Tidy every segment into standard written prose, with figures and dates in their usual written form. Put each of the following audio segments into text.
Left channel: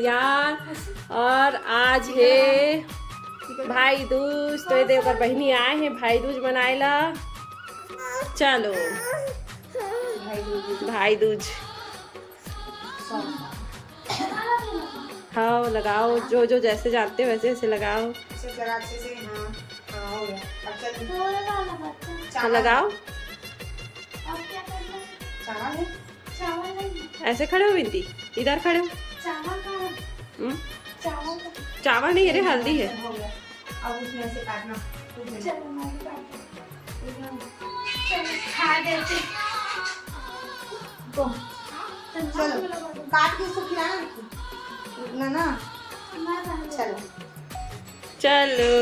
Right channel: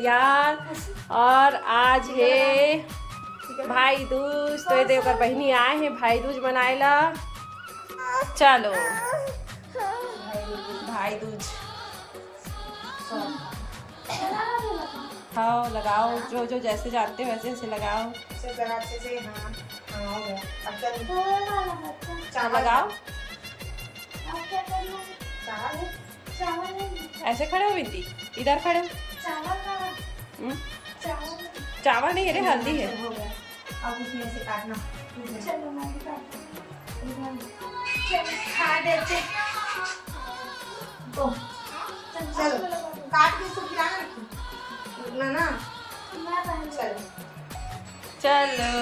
तैयार और आज है भाई दूज। तो ये देखो बहनी आए हैं भाई दूज मनाएला। चलो भाई दूज खाओ लगाओ, जो जो जैसे जानते हो वैसे वैसे लगाओ। हाँ लगाओ। ऐसे खड़े हो बिंदी, इधर खड़े हो। चावल नहीं, अरे हल्दी है। अब उसमें से काटना। चलो काट के इसको खिलाना ना। चलो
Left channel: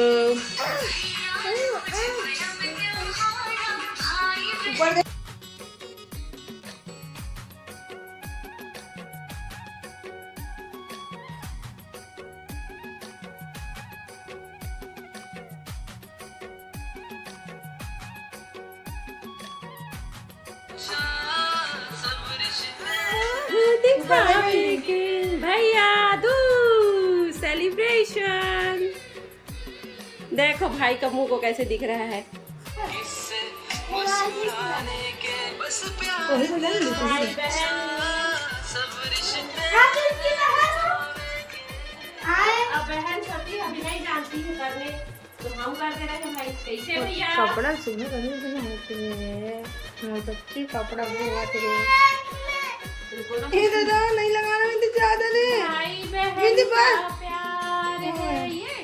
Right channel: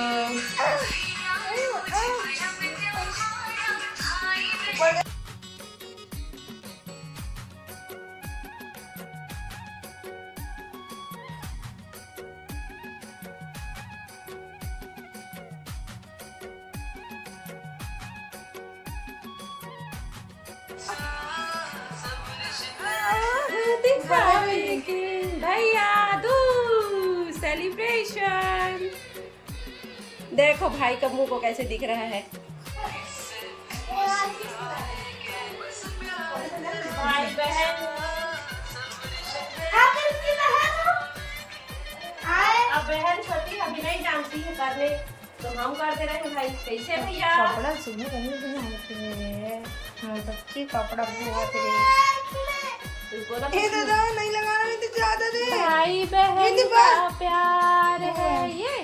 दिखाएंगे भैया दूज सेलिब्रेशन। देखो भाई का मुंह को कैसे दिख रहा है। भाई बहन अब बहन छोटी अभी नहीं जानती है करने, तो हम करते रहे भाई। कैसे भैया कपड़ा सुनो कभी बनाते हैं हमारे बच्चे कपड़ा बनाते हैं। ये दादा नहीं लगाना में तो ज्यादा दे भाई बहन का प्यार है ये।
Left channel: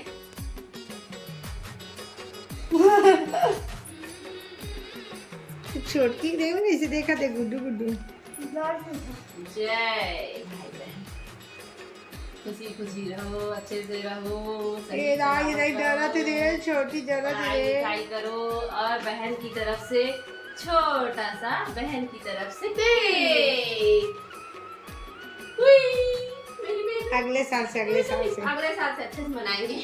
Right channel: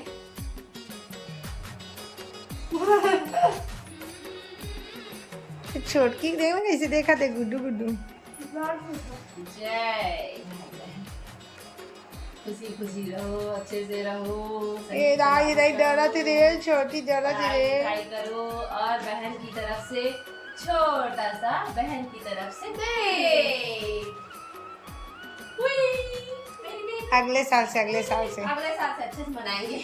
छोटकी देख ना कैसे देखा थे गुड्डू गुड्डू। जय भाई बहन, खुशी खुशी रहो, अच्छे से रहो। ये दाई डरा तेरे छोटी डरा तेरे भाई करो और बहन की तरफ से छोटा सा बहन की तरफ से दे। अगले साल से अगले साल से अच्छे से मनाएंगे।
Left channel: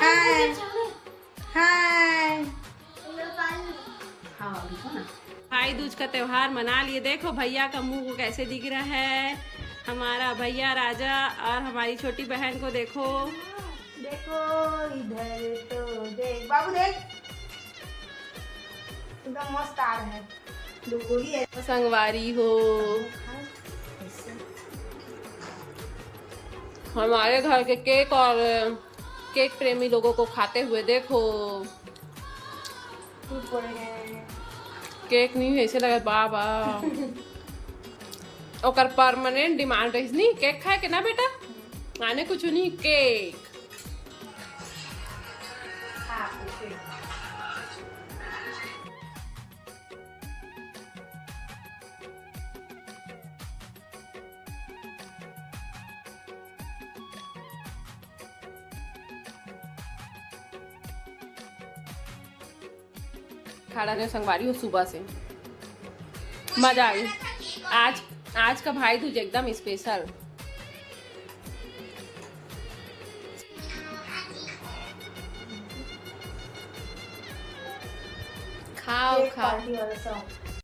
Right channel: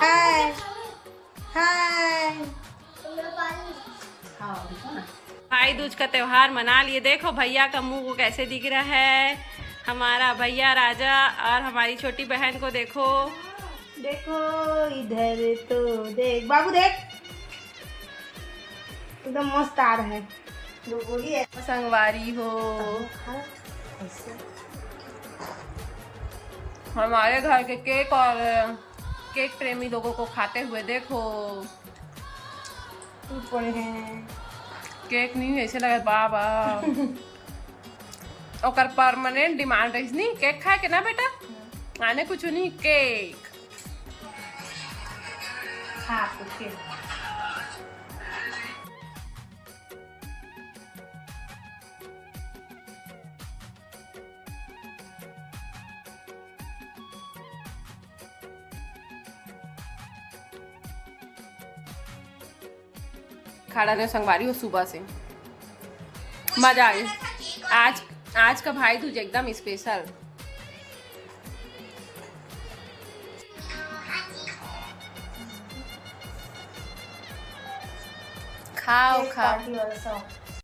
हाय हाय भाई दूज का त्योहार मना लिए। देखो भैया का मुंह को कैसे दिख रहा है। हमारा भैया राजा और हमारी छोटी बहन को देखो। देखो इधर तो देख बाबू देख एकदम मस्त आ रहा है। बोली है संगवारी हो हमारे घर के केक और केक प्रेमी लोगों को खाते हुए देखो। केक नहीं ऐसे लगा बाबा ओकर परमानेंट डिमांड रही नहीं केक खाए के ना बेटा, आने कुछ नहीं केक। खाड़ा ने संगवारी हो सुबह से मजा आई। आज का भाई दूज एकदम स्पेशल। खाओ खाओ।